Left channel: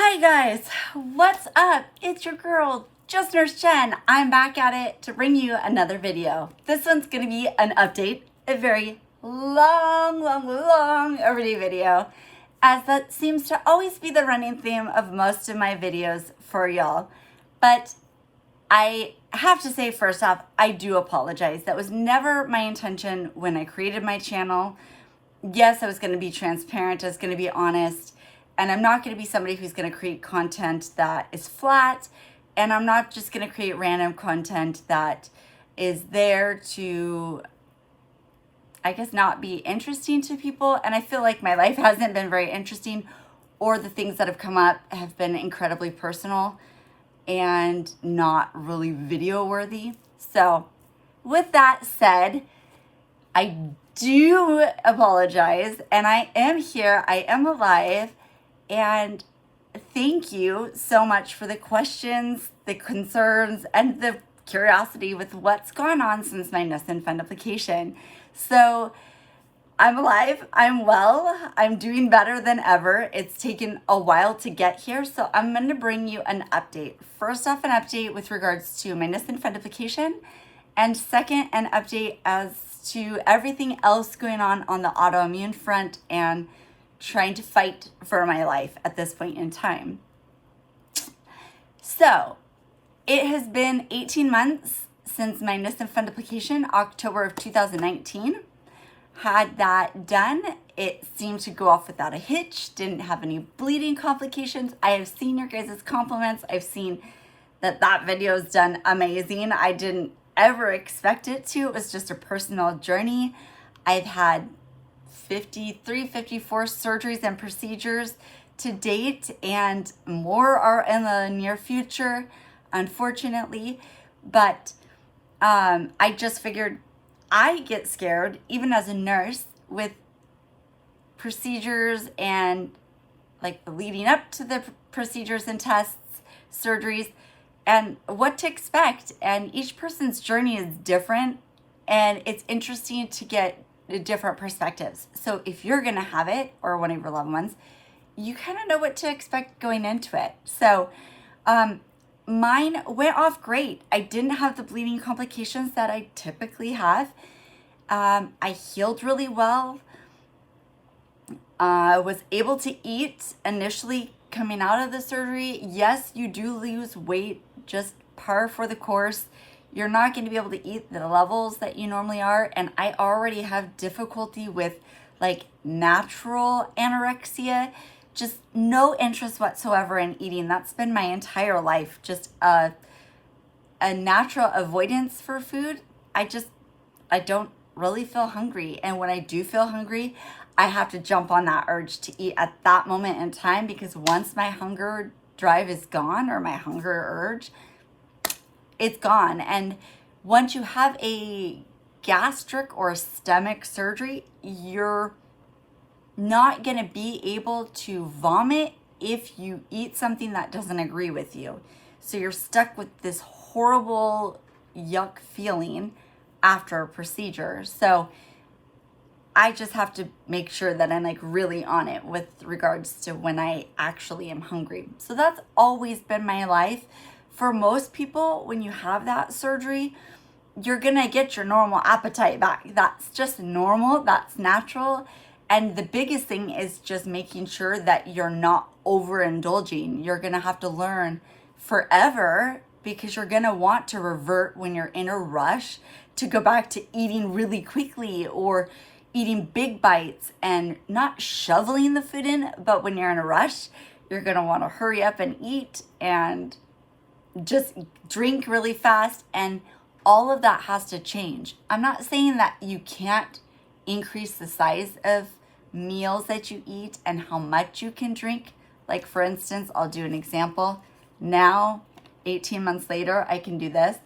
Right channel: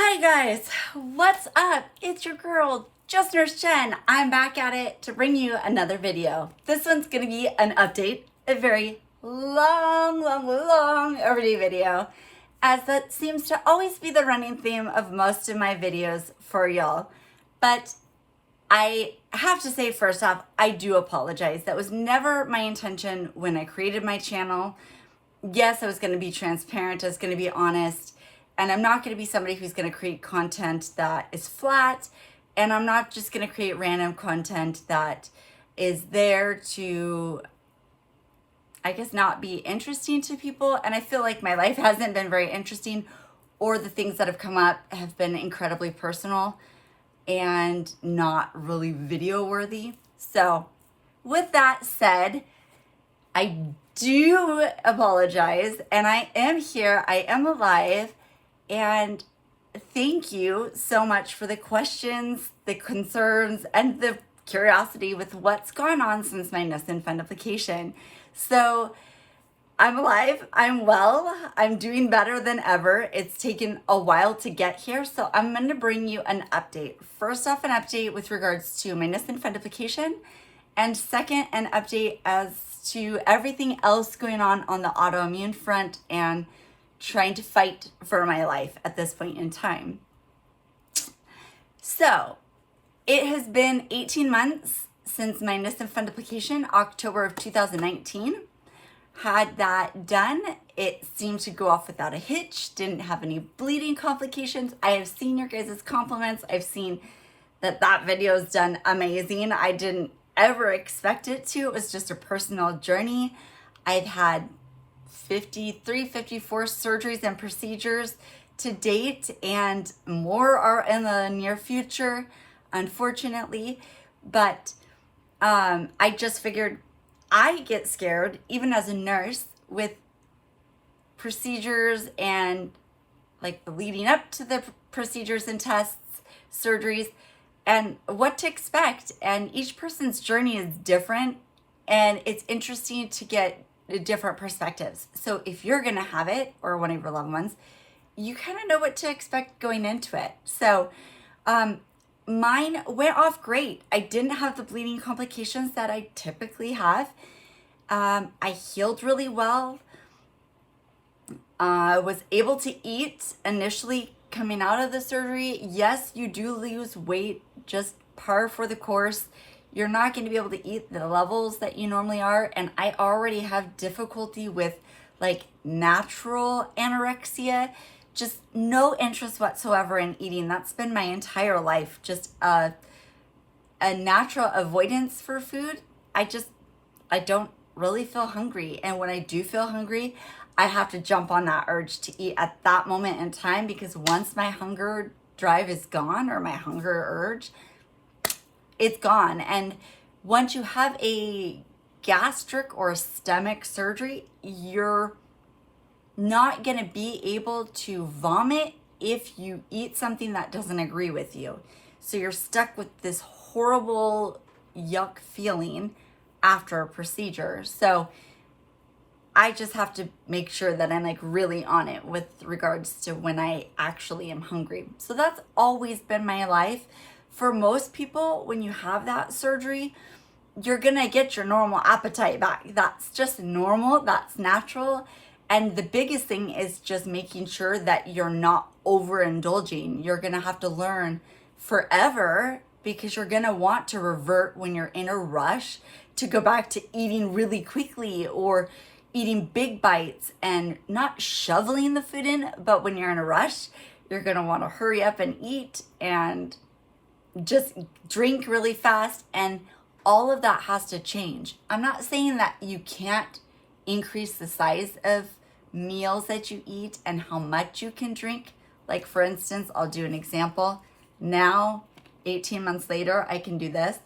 Hi guys, what's up? It's your girl, JustNurseJen. I'm back at it to bring you another video. This one's gonna be an update, a very long overdue video, as that seems to always be the running theme of most of my videos for y'all. But I have to say, first off, I do apologize. That was never my intention when I created my channel. Yes, I was gonna be transparent, I was gonna be honest. And I'm not going to be somebody who's going to create content that is flat. And I'm not just going to create random content that is there to, I guess, not be interesting to people. And I feel like my life hasn't been very interesting, or the things that have come up have been incredibly personal and not really video worthy. So with that said, I do apologize, and I am here, I am alive. And thank you so much for the questions, the concerns, and the curiosity with what's gone on since my Nissen Fundoplication. So I'm alive, I'm well, I'm doing better than ever. It's taken a while to get here, so I'm going to bring you an update. First off, an update with regards to my Nissen Fundoplication, and second, an update as to everything else going on the autoimmune front and trying to fight for my life at this point in time. So it has been 18 months since my Nissen Fundoplication, October of 2019. Had that done. It seemed to go off without a hitch, didn't have any bleeding complications. I have seen your guys' compliments. I've seen that video is done amazing. I didn't ever expect it to. It was just a personal journey. I've had 54 surgeries and procedures to date, and more are in the near future, unfortunately. But I just figured I get scared, even as a nurse, with procedures and like the leading up to the procedures and tests, surgeries, and what to expect. And each person's journey is different, and it's interesting to get different perspectives. So if you're gonna have it, or one of your loved ones, you kind of know what to expect going into it. So mine went off great. I didn't have the bleeding complications that I typically have. I healed really well. I was able to eat initially coming out of the surgery. Yes, you do lose weight, just par for the course. You're not going to be able to eat the levels that you normally are. And I already have difficulty with like natural anorexia, just no interest whatsoever in eating. That's been my entire life, just a natural avoidance for food. I don't really feel hungry. And when I do feel hungry, I have to jump on that urge to eat at that moment in time, because once my hunger drive is gone, or my hunger urge, it's gone. And once you have a gastric or stomach surgery, you're not going to be able to vomit if you eat something that doesn't agree with you. So you're stuck with this horrible yuck feeling after a procedure. So I just have to make sure that I'm like really on it with regards to when I actually am hungry. So that's always been my life. For most people, when you have that surgery, you're gonna get your normal appetite back. That's just normal, that's natural. And the biggest thing is just making sure that you're not overindulging. You're gonna have to learn forever, because you're gonna want to revert when you're in a rush to go back to eating really quickly, or eating big bites and not shoveling the food in. But when you're in a rush, you're gonna wanna hurry up and eat and just drink really fast, and all of that has to change. I'm not saying that you can't increase the size of meals that you eat and how much you can drink. Like for instance, I'll do an example. Now, 18 months later, I can do this.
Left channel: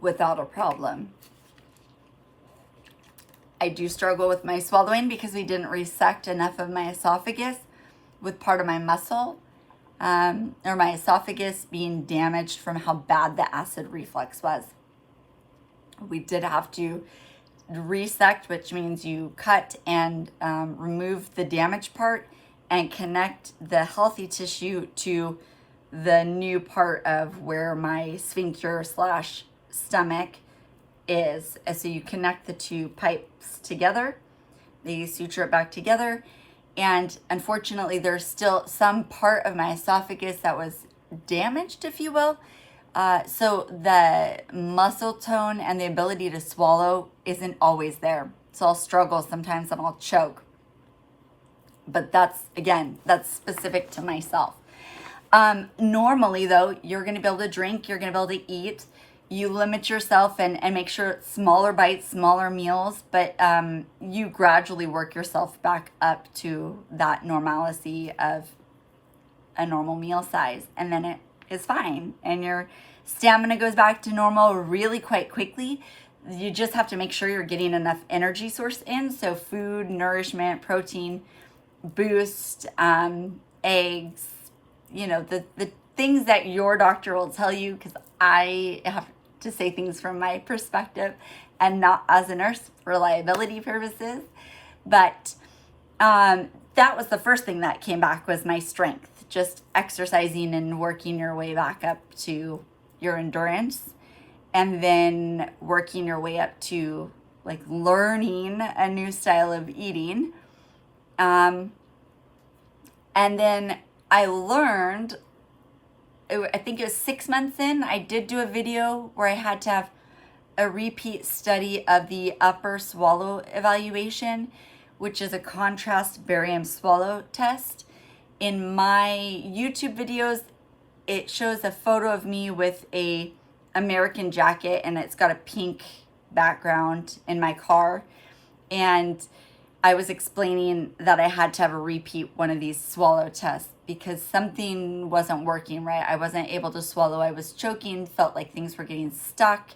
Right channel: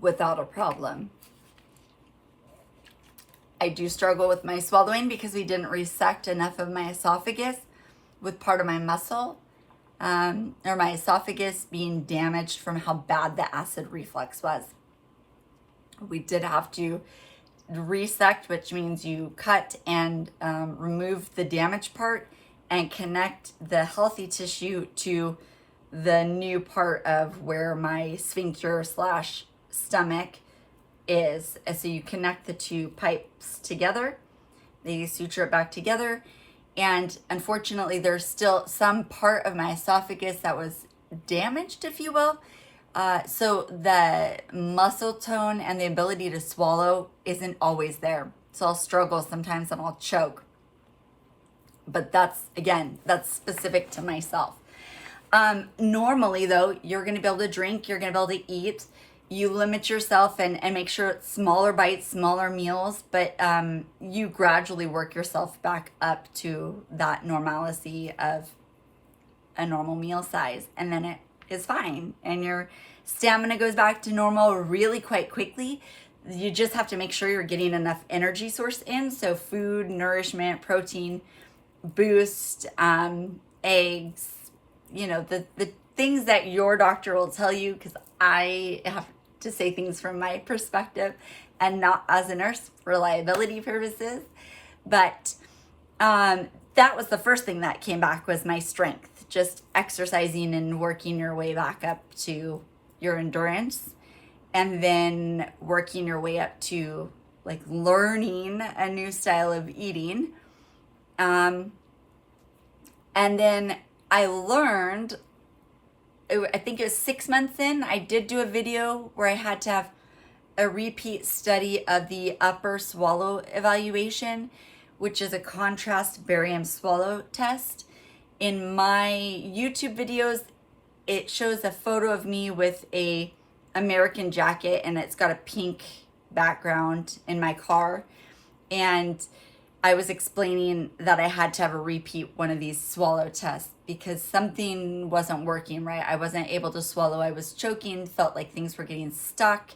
Without a problem. I do struggle with my swallowing because we didn't resect enough of my esophagus with part of my muscle, or my esophagus being damaged from how bad the acid reflux was. We did have to resect, which means you cut and remove the damaged part and connect the healthy tissue to the new part of where my sphincter slash stomach is. And so you connect the two pipes together, they suture it back together. And unfortunately, there's still some part of my esophagus that was damaged, if you will. So the muscle tone and the ability to swallow isn't always there. So I'll struggle sometimes and I'll choke. But that's, again, that's specific to myself. Normally though, you're going to be able to drink, you're going to be able to eat. You limit yourself and make sure it's smaller bites, smaller meals, but you gradually work yourself back up to that normalcy of a normal meal size. And then it is fine. And your stamina goes back to normal really quite quickly. You just have to make sure you're getting enough energy source in. So food, nourishment, protein, boost, eggs, you know, the things that your doctor will tell you, because I have to say things from my perspective and not as a nurse for reliability purposes. But that was the first thing that came back, was my strength, just exercising and working your way back up to your endurance, and then working your way up to like learning a new style of eating. And then I learned, I think it was 6 months in, I did do a video where I had to have a repeat study of the upper swallow evaluation, which is a contrast barium swallow test. In my YouTube videos, it shows a photo of me with a American jacket, and it's got a pink background in my car. And I was explaining that I had to have a repeat one of these swallow tests because something wasn't working right. I wasn't able to swallow. I was choking, felt like things were getting stuck,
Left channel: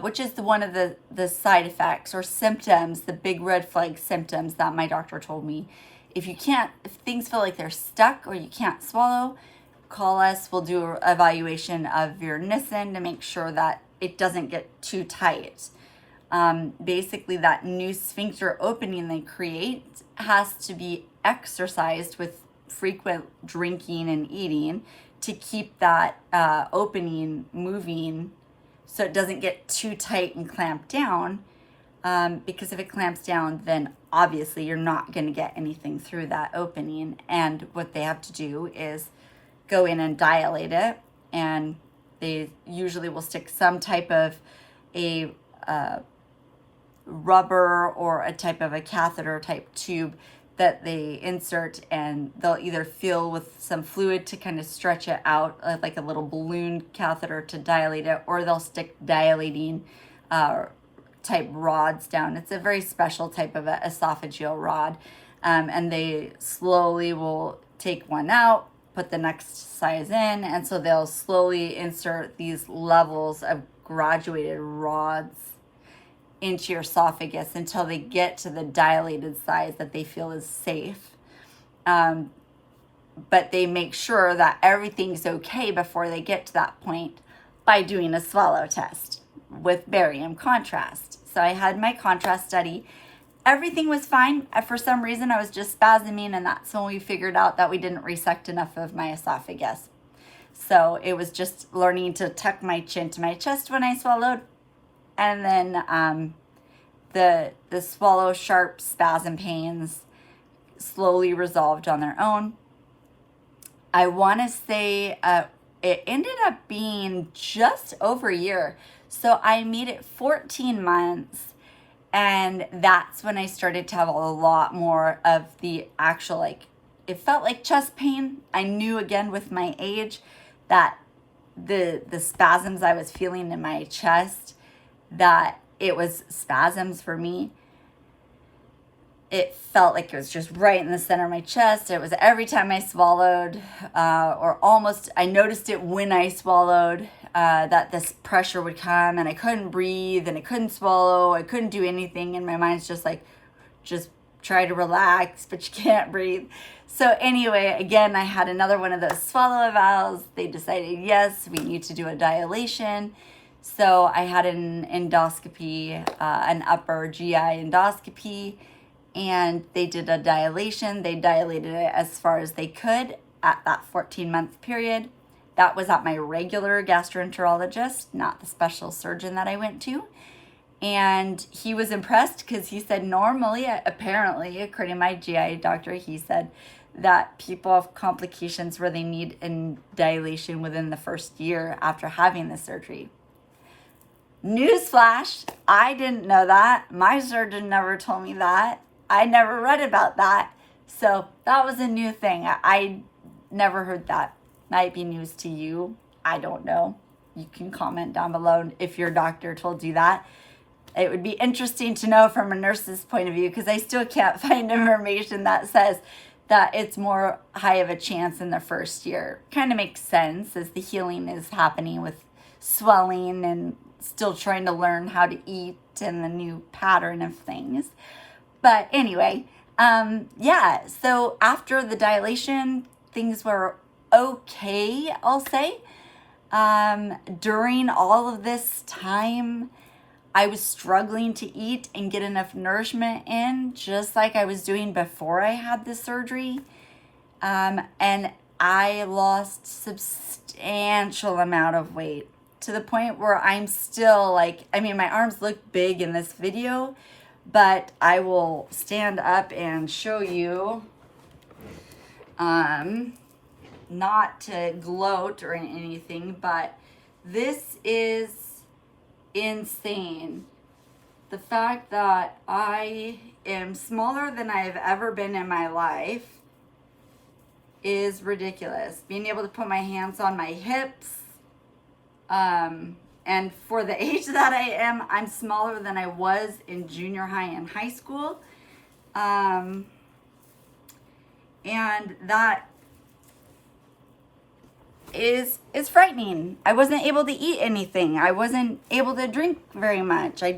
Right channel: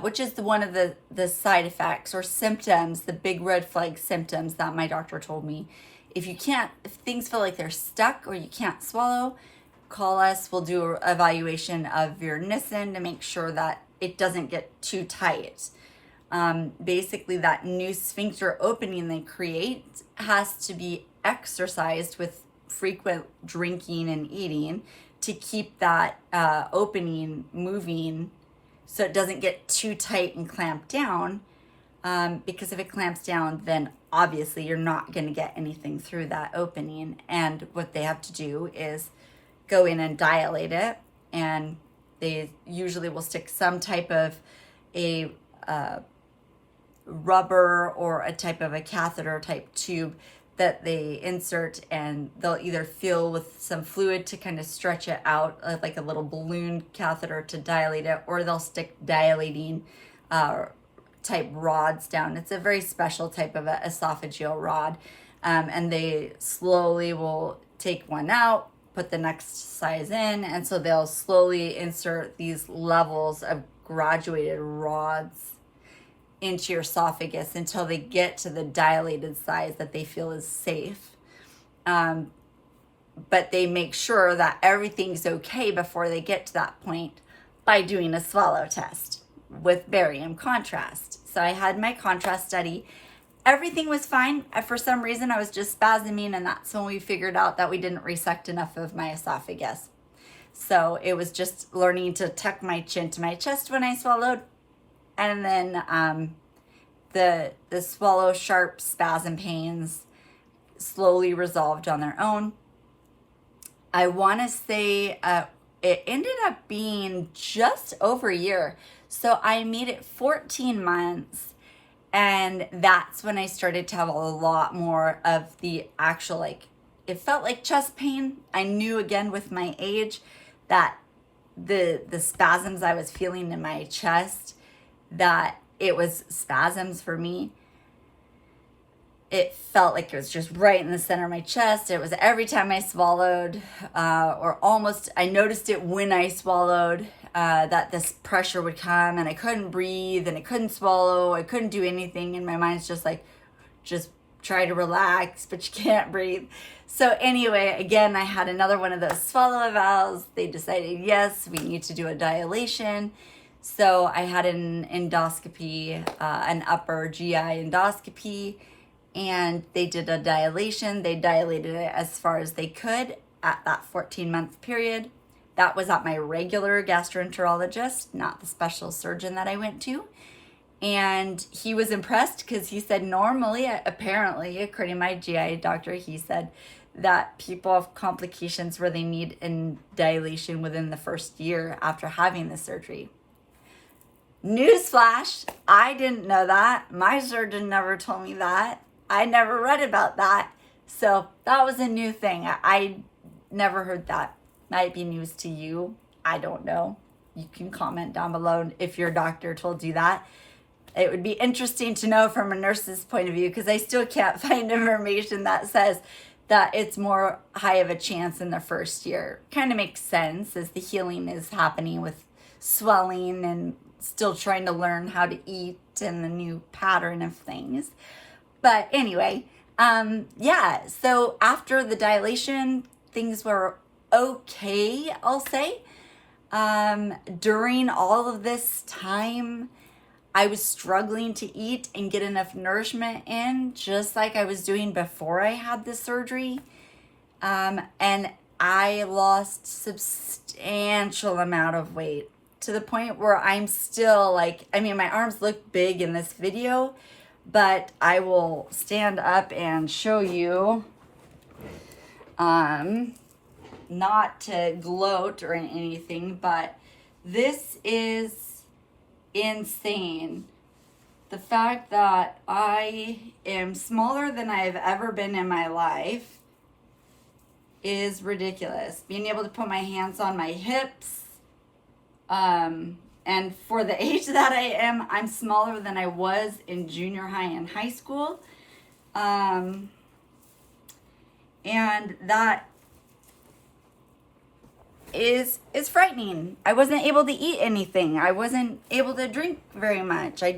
which is one of the side effects or symptoms, the big red flag symptoms that my doctor told me. If things feel like they're stuck or you can't swallow, call us. We'll do an evaluation of your Nissen to make sure that it doesn't get too tight. Basically, that new sphincter opening they create has to be exercised with frequent drinking and eating to keep that opening moving so it doesn't get too tight and clamped down. Because if it clamps down, then obviously you're not going to get anything through that opening. And what they have to do is go in and dilate it. And they usually will stick some type of a rubber or a type of a catheter type tube that they insert, and they'll either fill with some fluid to kind of stretch it out, like a little balloon catheter to dilate it, or they'll stick dilating type rods down. It's a very special type of a esophageal rod. And they slowly will take one out, put the next size in, and so they'll slowly insert these levels of graduated rods into your esophagus until they get to the dilated size that they feel is safe. But they make sure that everything's okay before they get to that point by doing a swallow test with barium contrast. So I had my contrast study. Everything was fine. For some reason, I was just spasming, and that's when we figured out that we didn't resect enough of my esophagus. So it was just learning to tuck my chin to my chest when I swallowed. And then the swallow sharp spasm pains slowly resolved on their own. I want to say it ended up being just over a year. So I made it 14 months, and that's when I started to have a lot more of the actual, like, it felt like chest pain. I knew again with my age that the spasms I was feeling in my chest, that it was spasms for me. It felt like it was just right in the center of my chest. It was every time I swallowed, or almost, I noticed it when I swallowed, that this pressure would come, and I couldn't breathe, and I couldn't swallow. I couldn't do anything, and my mind's just like, just try to relax, but you can't breathe. So anyway, again, I had another one of those swallow evals. They decided, yes, we need to do a dilation. So I had an endoscopy, an upper GI endoscopy, and they did a dilation. They dilated it as far as they could at that 14-month period. That was at my regular gastroenterologist, not the special surgeon that I went to. And he was impressed because he said normally, apparently, according to my GI doctor, he said that people have complications where they need a dilation within the first year after having the surgery. Newsflash, I didn't know that. My surgeon never told me that. I never read about that. So that was a new thing. I never heard that. Might be news to you. I don't know. You can comment down below if your doctor told you that. It would be interesting to know from a nurse's point of view, because I still can't find information that says that it's more high of a chance in the first year. Kind of makes sense as the healing is happening with swelling and still trying to learn how to eat and the new pattern of things. But anyway, yeah, so after the dilation, things were okay, I'll say. During all of this time, I was struggling to eat and get enough nourishment in, just like I was doing before I had the surgery. And I lost substantial amount of weight to the point where I'm still like, I mean, my arms look big in this video, but I will stand up and show you, not to gloat or anything, but this is insane. The fact that I am smaller than I've ever been in my life is ridiculous. Being able to put my hands on my hips, and for the age that I am, I'm smaller than I was in junior high and high school. And that is frightening. I wasn't able to eat anything. I wasn't able to drink very much. I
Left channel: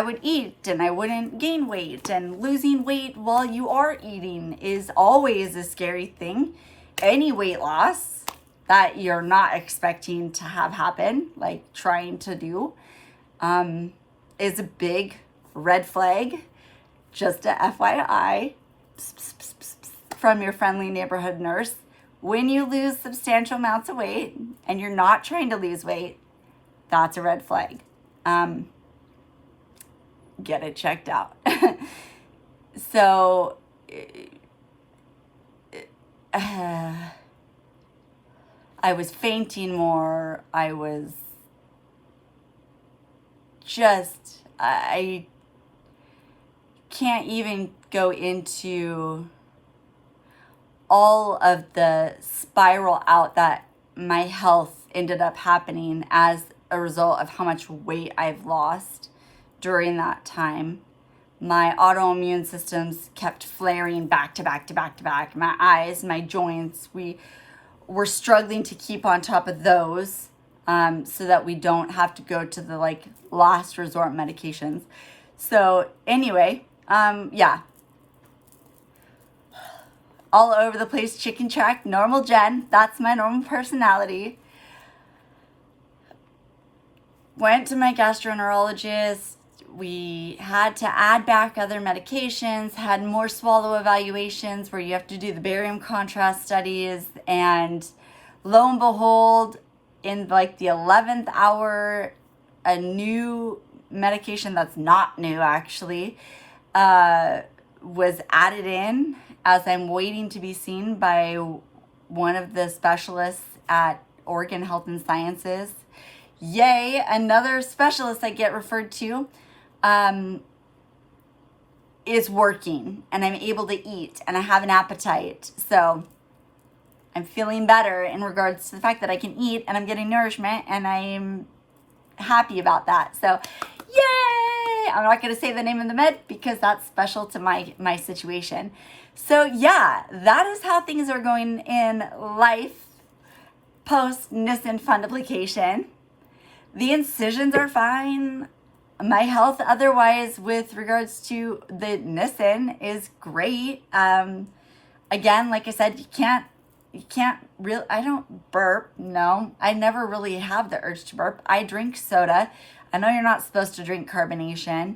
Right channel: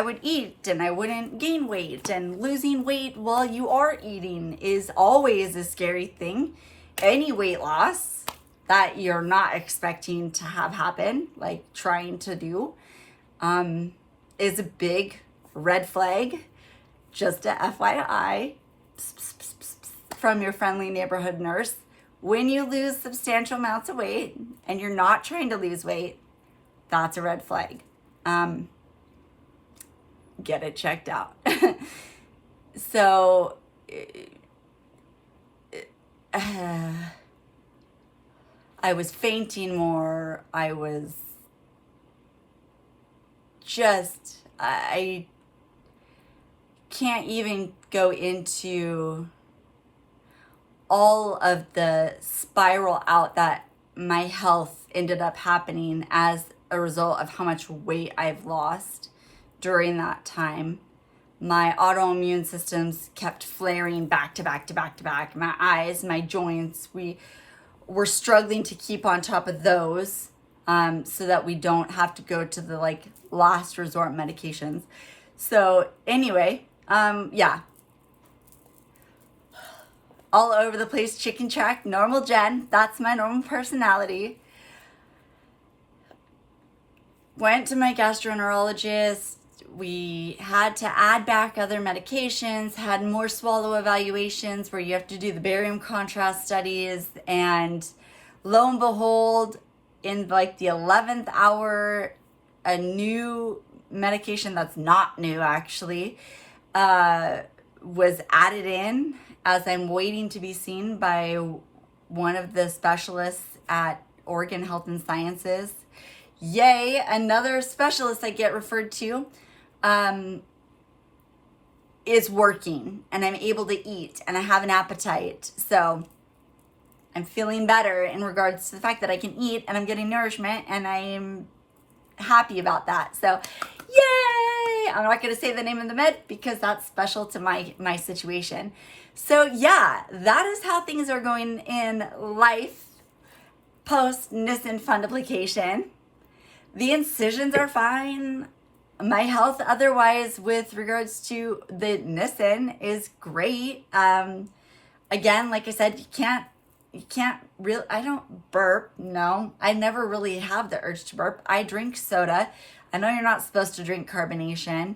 would eat and I wouldn't gain weight, and losing weight while you are eating is always a scary thing. Any weight loss that you're not expecting to have happen, like trying to do, is a big red flag. Just a FYI from your friendly neighborhood nurse. When you lose substantial amounts of weight and you're not trying to lose weight, that's a red flag. Get it checked out. So, I was fainting more. I can't even go into all of the spiral out that my health ended up happening as a result of how much weight I've lost during that time. My autoimmune systems kept flaring back to back to back to back. My eyes, my joints, we're struggling to keep on top of those, so that we don't have to go to the like last resort medications. So anyway, yeah, all over the place, chicken track, normal Jen. That's my normal personality. Went to my gastroenterologist. We had to add back other medications, had more swallow evaluations where you have to do the barium contrast studies, and lo and behold, in like the 11th hour, a new medication that's not new actually was added in as I'm waiting to be seen by one of the specialists at Oregon Health and Sciences. Yay, another specialist I get referred to is working, and I'm able to eat and I have an appetite. So I'm feeling better in regards to the fact that I can eat and I'm getting nourishment, and I'm happy about that. So yay! I'm not going to say the name of the med because that's special to my situation. So yeah, that is how things are going in life post Nissen Fundoplication. The incisions are fine. My health otherwise with regards to the Nissen is great. Again, like I said, you can't you can't really, I don't burp. No, I never really have the urge to burp. I drink soda. I know you're not supposed to drink carbonation.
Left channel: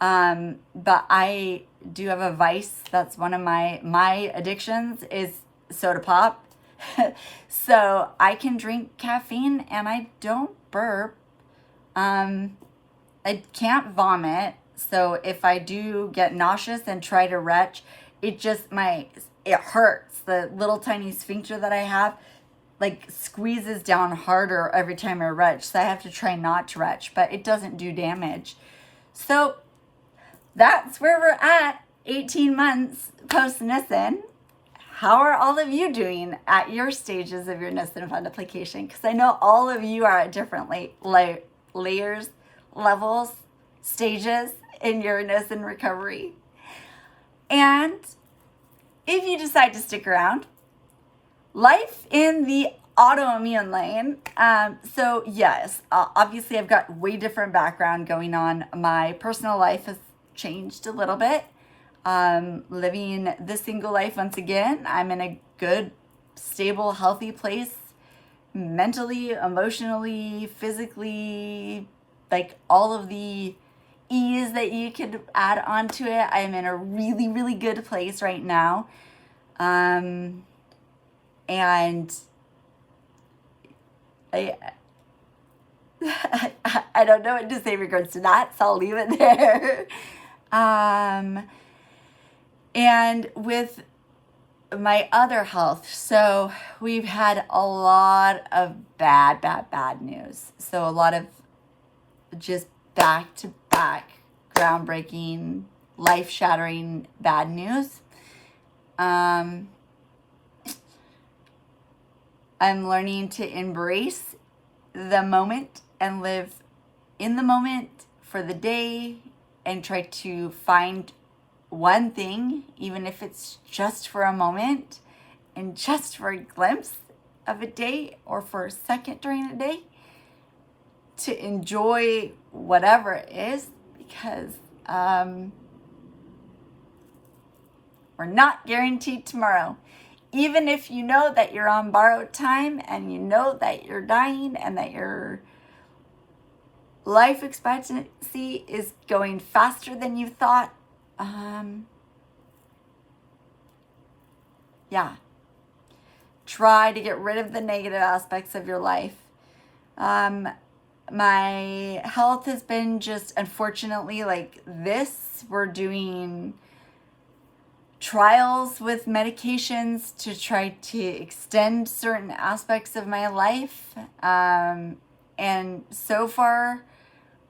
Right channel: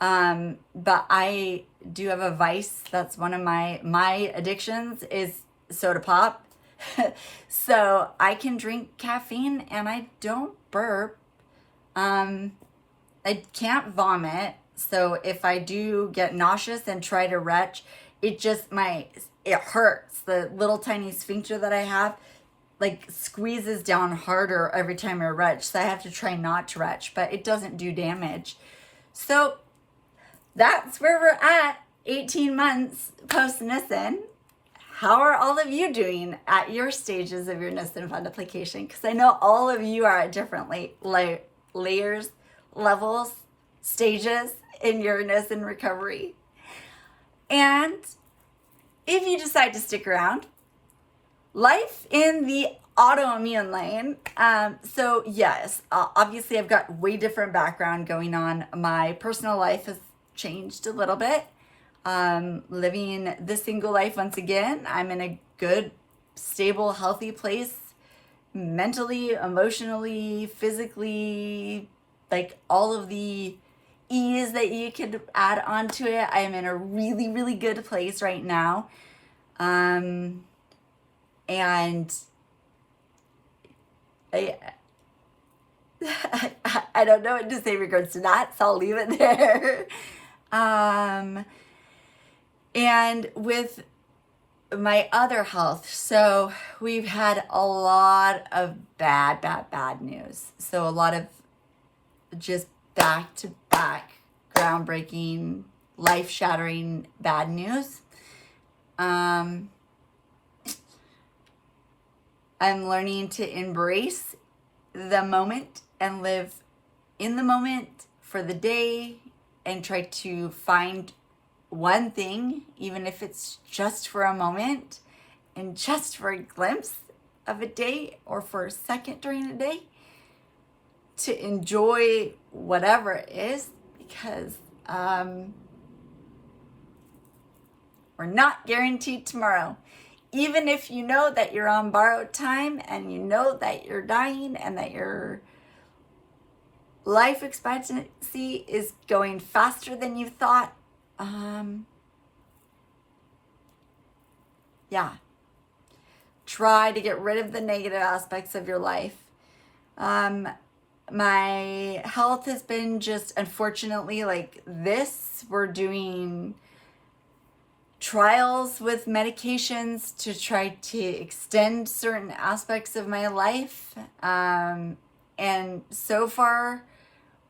But I do have a vice. That's one of my addictions is soda pop. So I can drink caffeine and I don't burp. I can't vomit. So if I do get nauseous and try to retch, it hurts. The little tiny sphincter that I have like squeezes down harder every time I retch. So I have to try not to retch, but it doesn't do damage. So that's where we're at 18 months post Nissen. How are all of you doing at your stages of your Nissen Fundoplication? Because I know all of you are at different layers, levels, stages in your Nissen recovery. And if you decide to stick around, life in the autoimmune lane. So yes, obviously I've got way different background going on. My personal life has changed a little bit. Living the single life once again. I'm in a good, stable, healthy place mentally, emotionally, physically, like all of the ease that you could add onto it. I am in a really, really good place right now. And I don't know what to say in regards to that, so I'll leave it there. And with my other health, so we've had a lot of bad news. So a lot of just back-to-back groundbreaking, life-shattering bad news. I'm learning to embrace the moment and live in the moment for the day and try to find one thing, even if it's just for a moment and just for a glimpse of a day or for a second during a day, to enjoy whatever it is, because we're not guaranteed tomorrow. Even if you know that you're on borrowed time and you know that you're dying and that your life expectancy is going faster than you thought, try to get rid of the negative aspects of your life. My health has been just, unfortunately, like this. We're doing trials with medications to try to extend certain aspects of my life. And so far,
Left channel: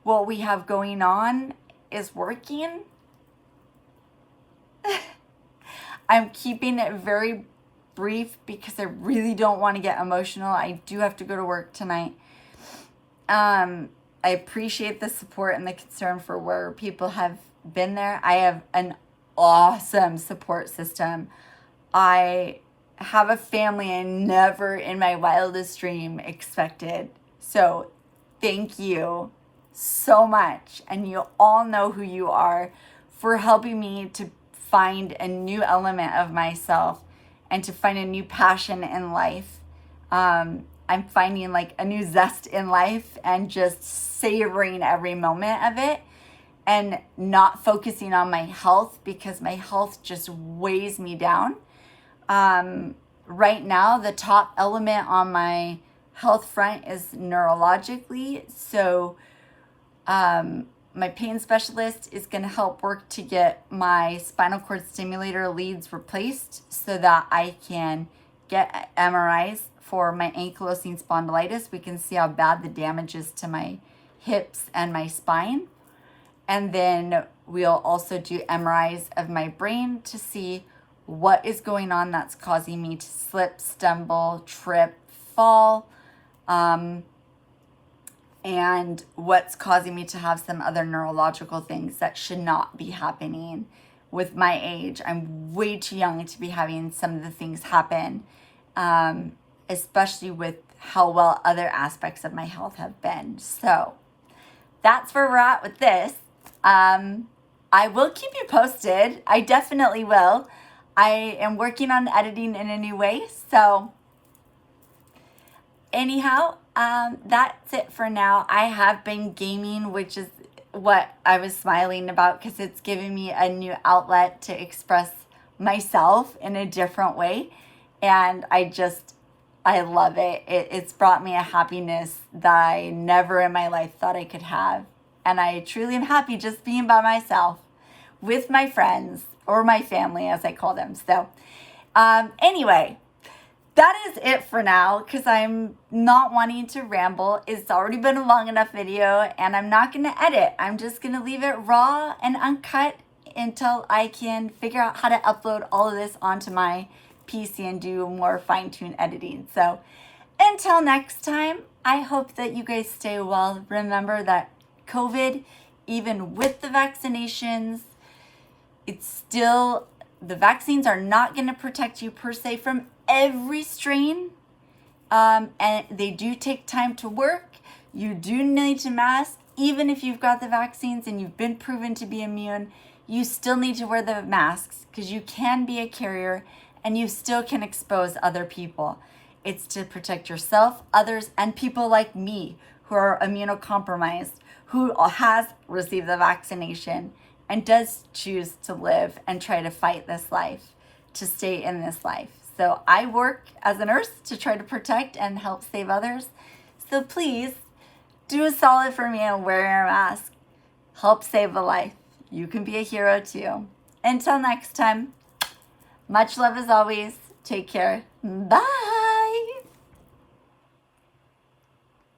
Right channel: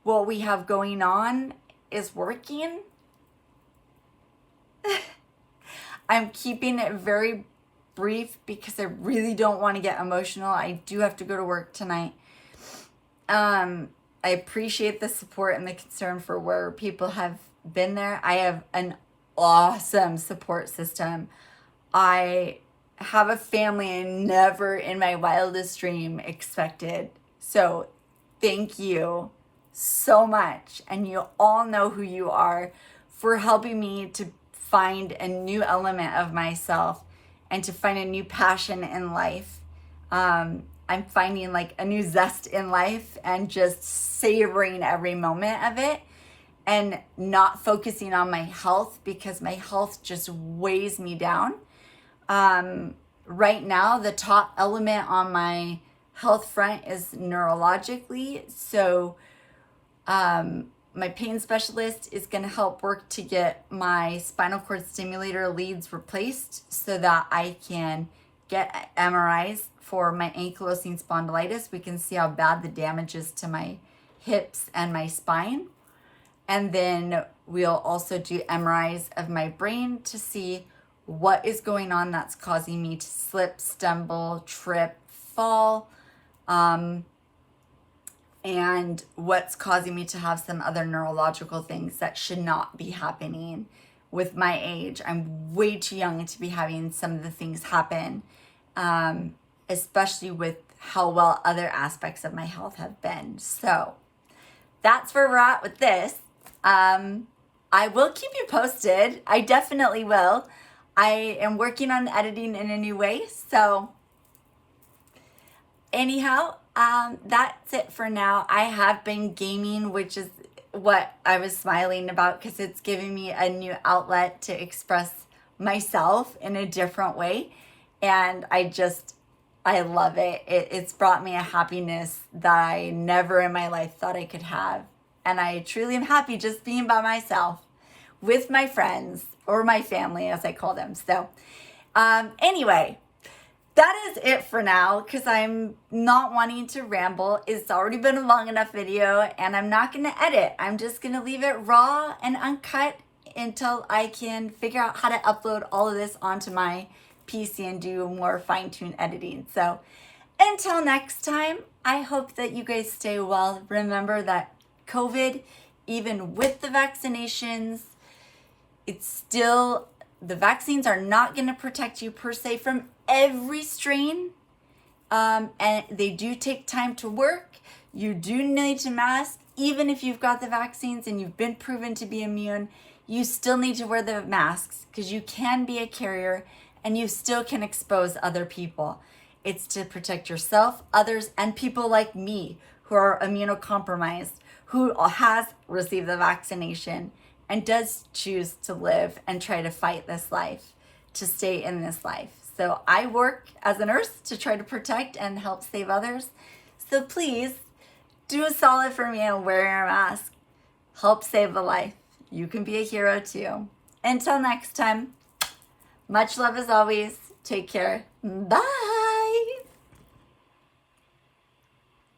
what we have going on is working. I'm keeping it very brief because I really don't want to get emotional. I do have to go to work tonight. I appreciate the support and the concern for where people have been there. I have an awesome support system. I have a family I never in my wildest dream expected. So thank you so much. And you all know who you are for helping me to find a new element of myself and to find a new passion in life. I'm finding like a new zest in life and just savoring every moment of it and not focusing on my health because my health just weighs me down. Right now, the top element on my health front is neurologically. So my pain specialist is going to help work to get my spinal cord stimulator leads replaced so that I can get MRIs for my ankylosing spondylitis. We can see how bad the damage is to my hips and my spine. And then we'll also do MRIs of my brain to see what is going on that's causing me to slip, stumble, trip, fall, and what's causing me to have some other neurological things that should not be happening with my age. I'm way too young to be having some of the things happen, especially with how well other aspects of my health have been. So that's where we're at with this. I will keep you posted. I definitely will. I am working on editing in a new way. So anyhow, that's it for now. I have been gaming, which is what I was smiling about because it's giving me a new outlet to express myself in a different way. And I love it. It's brought me a happiness that I never in my life thought I could have. And I truly am happy just being by myself with my friends, or my family as I call them. So anyway, that is it for now because I'm not wanting to ramble. It's already been a long enough video and I'm not going to edit. I'm just going to leave it raw and uncut until I can figure out how to upload all of this onto my PC and do more fine-tuned editing. So until next time, I hope that you guys stay well. Remember that COVID, even with the vaccinations, the vaccines are not going to protect you per se from every strain. And they do take time to work. You do need to mask. Even if you've got the vaccines and you've been proven to be immune, you still need to wear the masks because you can be a carrier and you still can expose other people. It's to protect yourself, others, and people like me who are immunocompromised, who has received the vaccination and does choose to live and try to fight this life, to stay in this life. So I work as a nurse to try to protect and help save others. So please do a solid for me and wear your mask. Help save a life. You can be a hero too. Until next time, much love as always. Take care. Bye.